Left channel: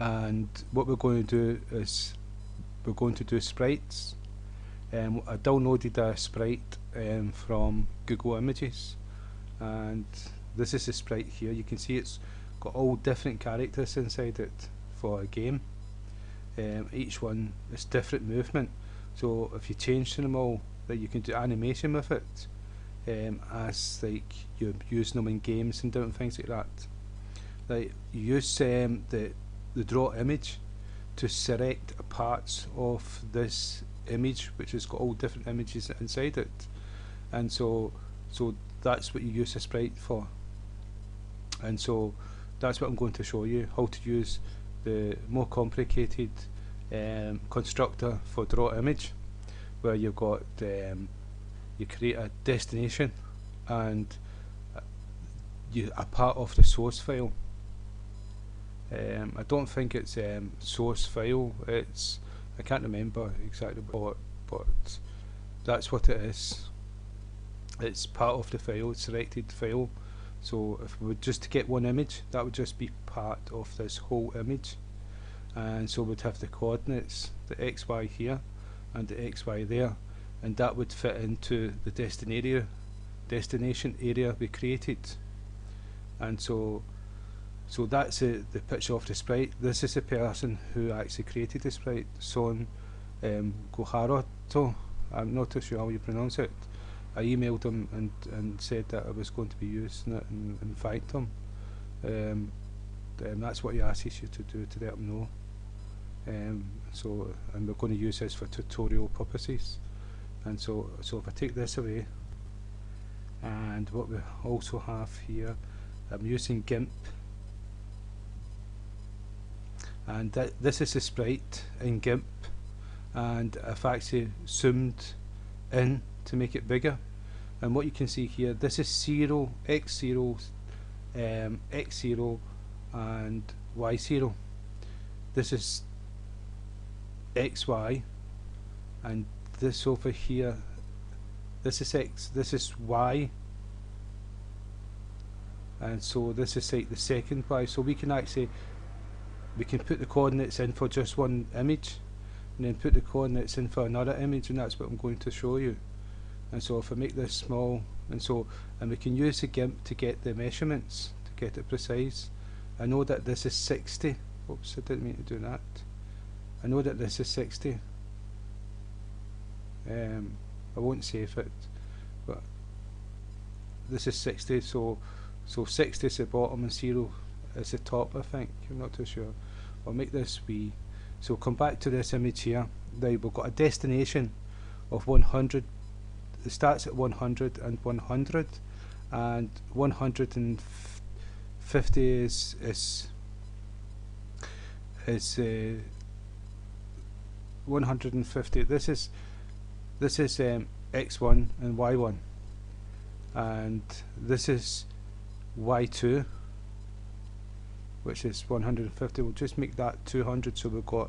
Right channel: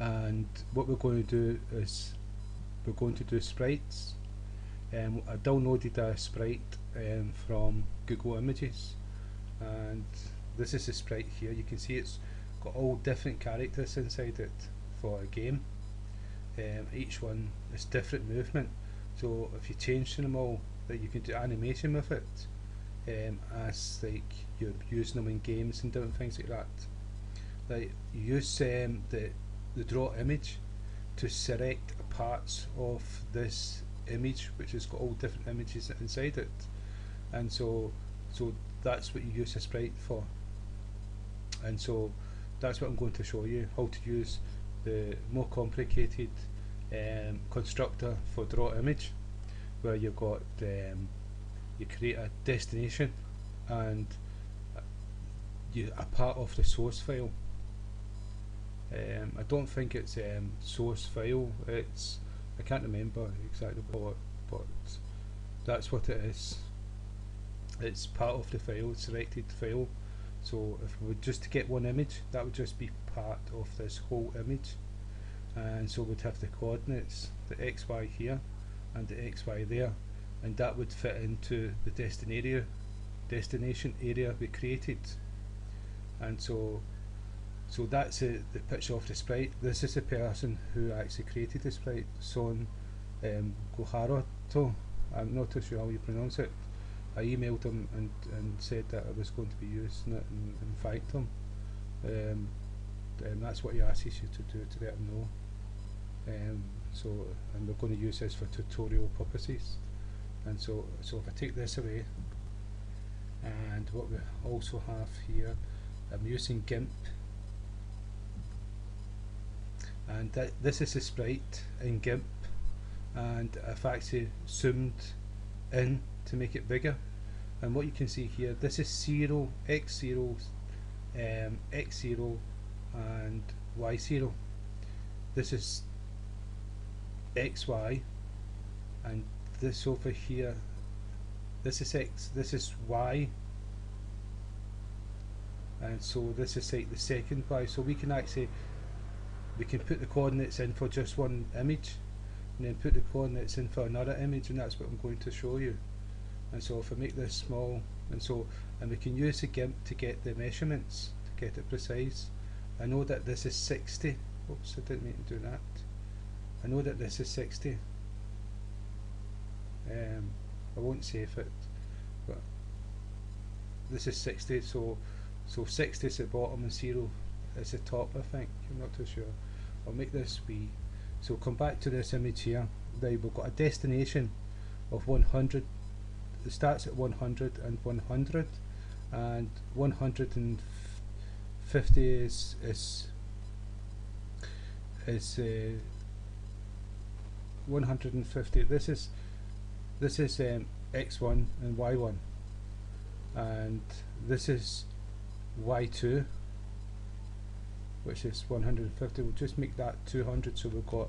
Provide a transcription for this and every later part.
and what we're going to do is we're going to do sprites. I downloaded a sprite from Google Images, and this is a sprite here. You can see it's got all different characters inside it for a game. Each one is different movement, so if you change them all, that you can do animation with it, as like you're using them in games and different things like that. Like you use the draw image to select parts of this image, which has got all different images inside it, and so that's what you use a sprite for. And so that's what I'm going to show you, how to use the more complicated constructor for draw image, where you've got you create a destination and a part of the source file. I don't think it's source file. I can't remember exactly what, but that's what it is. It's part of the file, selected file. So if we were just to get one image, that would just be part of this whole image. And so we'd have the coordinates, the XY here and the XY there, and that would fit into the destination area we created. And so that's the picture of the sprite. This is the person who actually created the sprite, Son Goharato. I'm not too sure how you pronounce it. I emailed him and said that I was going to be using it and thanked him. That's what he asks you to do, to let him know. And we're going to use this for tutorial purposes. And so if I take this away, and what we also have here, I'm using GIMP, and this is a sprite in GIMP, and I've actually zoomed in to make it bigger. And what you can see here, this is 0, x0, x0 and y0. This is xy, and this over here, this is x, this is y, and so this is like the second y. So we can put the coordinates in for just one image, and then put the coordinates in for another image, and that's what I'm going to show you. And so if I make this small, and we can use the GIMP to get the measurements, to get it precise. I know that this is 60. Oops, I didn't mean to do that. I know that this is 60. I won't save it, but this is 60. So 60 is the bottom and 0 is the top. I think, I'm not too sure. I'll make this wee. So come back to this image here. Now we've got a destination of 100. It starts at 100 and 100, and 150 is 150. This is x1 and y1, and this is y2, which is 150. We'll just make that 200, so we've got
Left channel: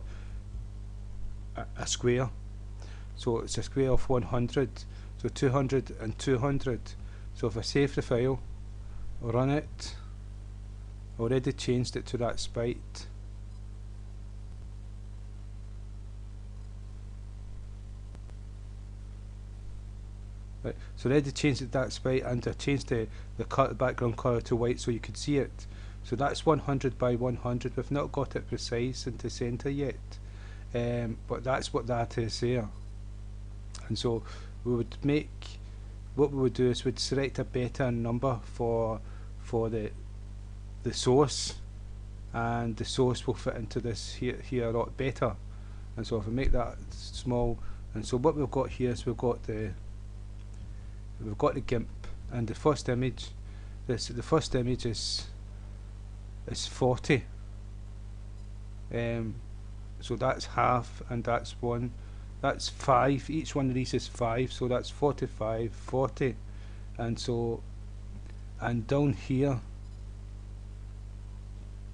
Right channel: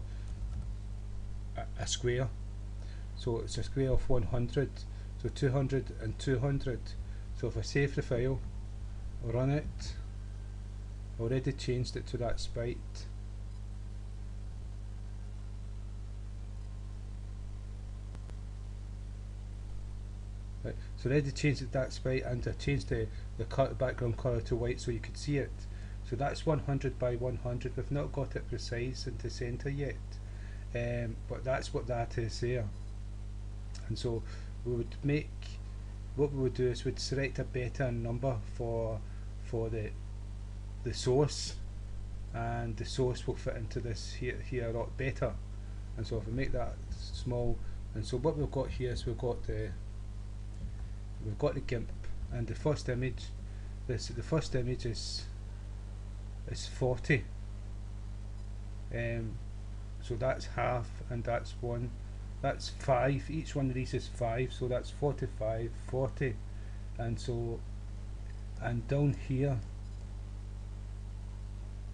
a square. So it's a square of 100. So 200 and 200. So if I save the file, run it, already changed it to that sprite. Right, so already changed it to that sprite, and I changed the background colour to white so you could see it. So that's 100 by 100. We've not got it precise into centre yet, but that's what that is there. And so we would make, what we would do is we'd select a better number for the source, and the source will fit into this here a lot better. And so if we make that small, and so what we've got here is we've got the GIMP, and the first image, the first image is 40. So that's half, and that's 1. That's 5. Each one of these is 5, so that's 45, 40, and so, and down here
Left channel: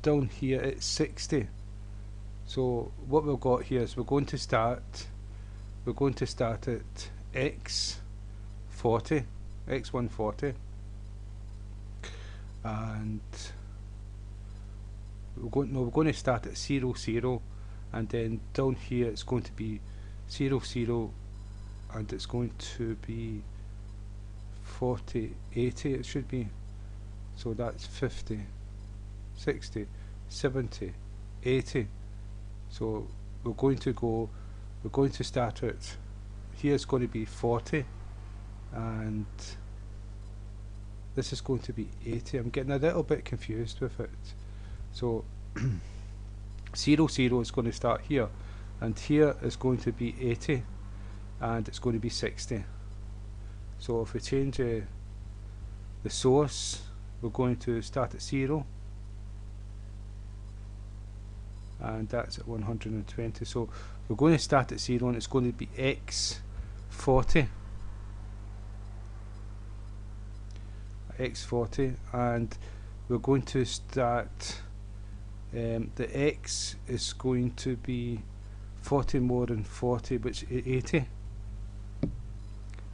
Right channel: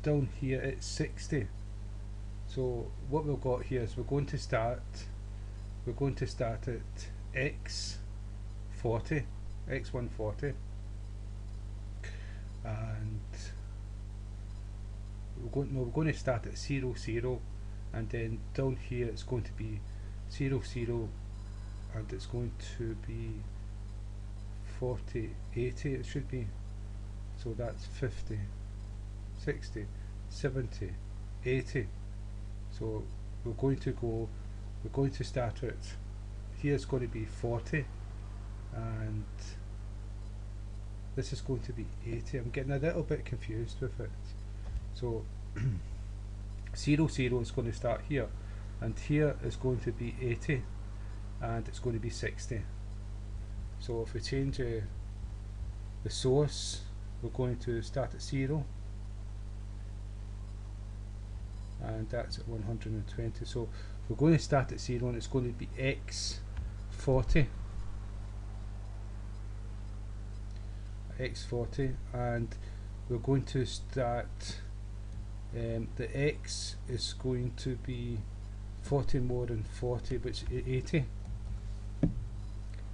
it's 60. So what we've got here is we're going to start at x40, x140, and we're going to start at 0 0, and then down here it's going to be 0 0, and it's going to be 40 80 it should be. So that's 50 60 70 80. So we're going to start at, here's going to be 40, and this is going to be 80. I'm getting a little bit confused with it. So 0 0 is going to start here, and here is going to be 80, and it's going to be 60. So if we change the source, we're going to start at 0, and that's at 120. So we're going to start at 0, and it's going to be x40, and we're going to start, the x is going to be 40 more than 40, which is 80,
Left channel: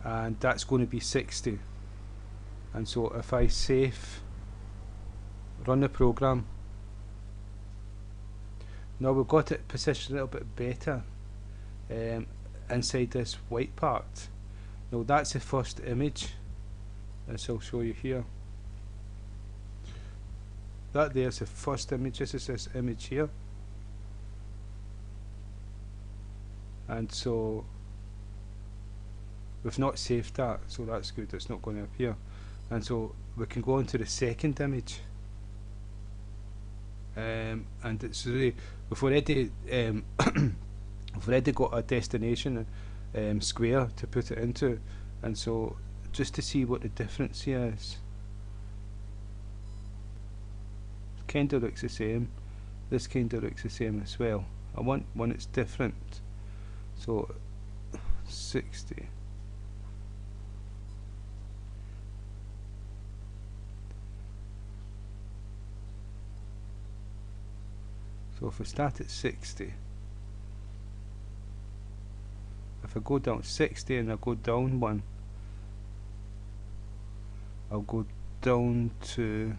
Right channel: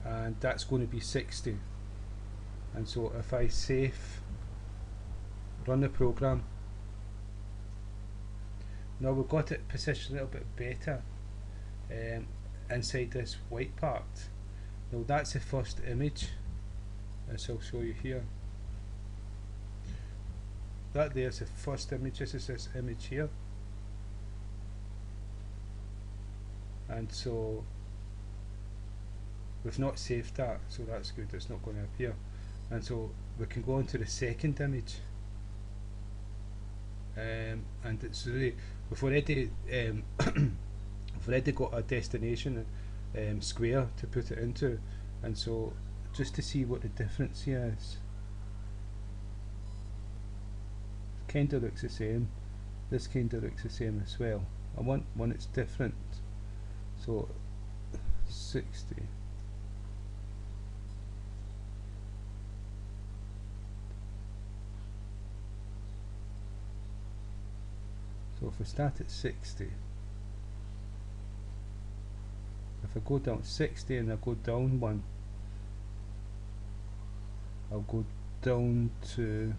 and that's going to be 60. And so if I save, run the program, now we've got it positioned a little bit better inside this white part. Now that's the first image, as I'll show you here. That there's the first image. This is this image here, and so we've not saved that, so that's good, it's not going to appear. And so we can go on to the second image, and it's really, we've already we've already got a destination square to put it into, and so just to see what the difference here is, kind of looks the same, this kind of looks the same as well. I want one that's different, so 60. So if we start at 60, if I go down 60 and I go down one, I'll go down to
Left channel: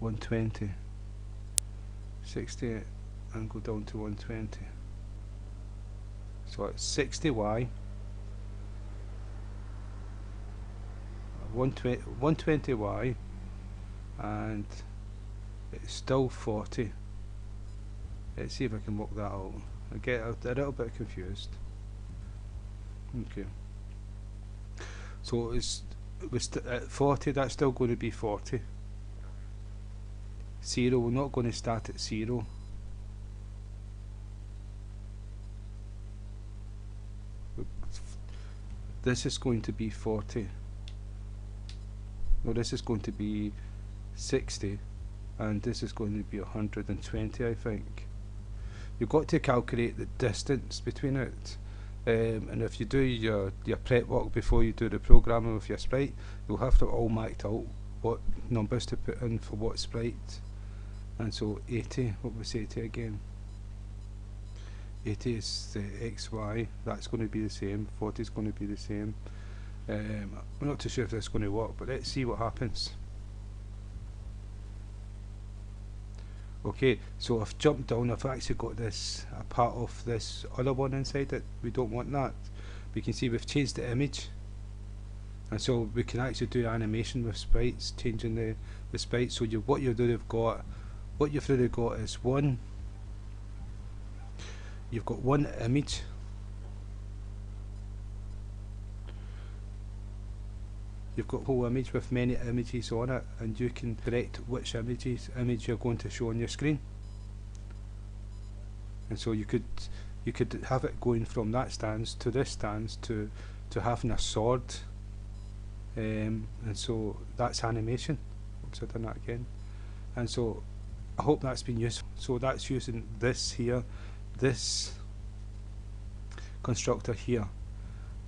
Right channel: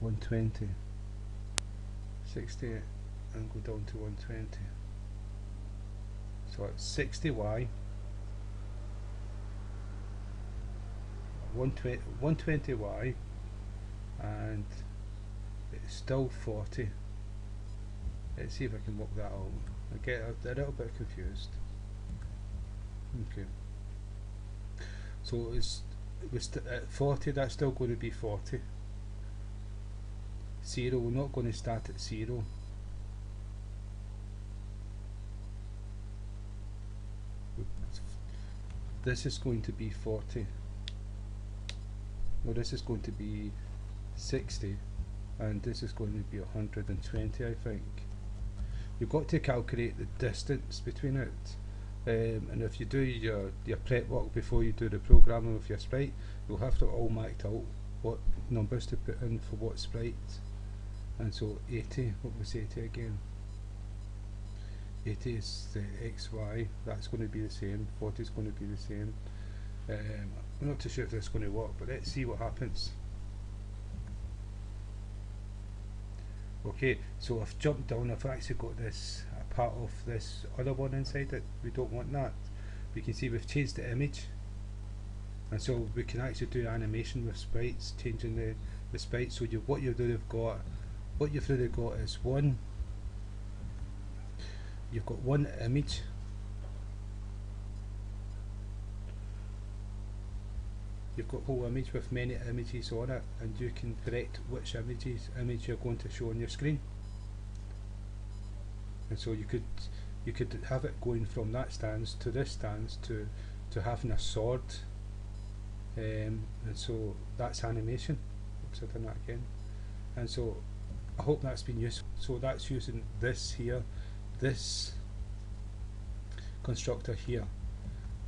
120, 60 and go down to 120. So it's 60y, 120y, and it's still 40. Let's see if I can work that out. I get a little bit confused. Okay. So it was at 40, that's still going to be 40. 0, we're not going to start at 0. This is going to be 40. Well, this is going to be 60, and this is going to be 120, I think. You've got to calculate the distance between it, and if you do your prep work before you do the programming with your sprite, you'll have to all marked out what numbers to put in for what sprite. And so 80, what was 80 again? 80 is the XY, that's going to be the same, 40 is going to be the same. I'm not too sure if this is going to work, but let's see what happens. Okay, so I've jumped down, I've actually got this, a part of this other one inside it. We don't want that. We can see we've changed the image, and so we can actually do animation with sprites, changing the sprites. So what you've really got is you've got one image, you've got a whole image with many images on it, and you can select which image you're going to show on your screen. And so you could have it going from that stance to this stance to having a sword, and so that's animation. So I've done that again, and so I hope that's been useful. So that's using this here, this constructor here.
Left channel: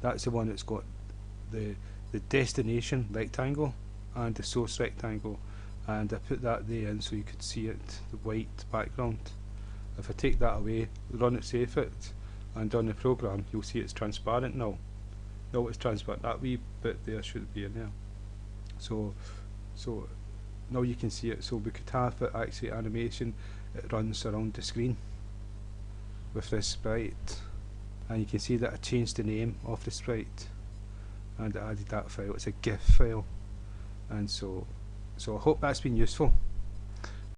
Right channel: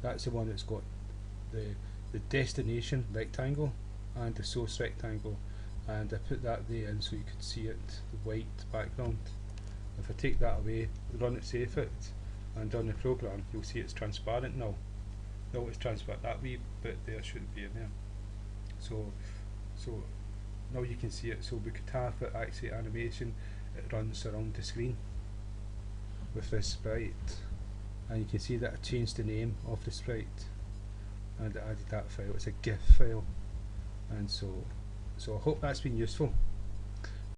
That's the one that's got the destination rectangle and the source rectangle, and I put that there in so you could see it, the white background. If I take that away, run it, save it, and run the program, you'll see it's transparent now. No, it's transparent. That wee bit there shouldn't be in there. So, so now you can see it. So we could have it actually animation. It runs around the screen with this sprite, and you can see that I changed the name of the sprite and I added that file. It's a GIF file, and so I hope that's been useful.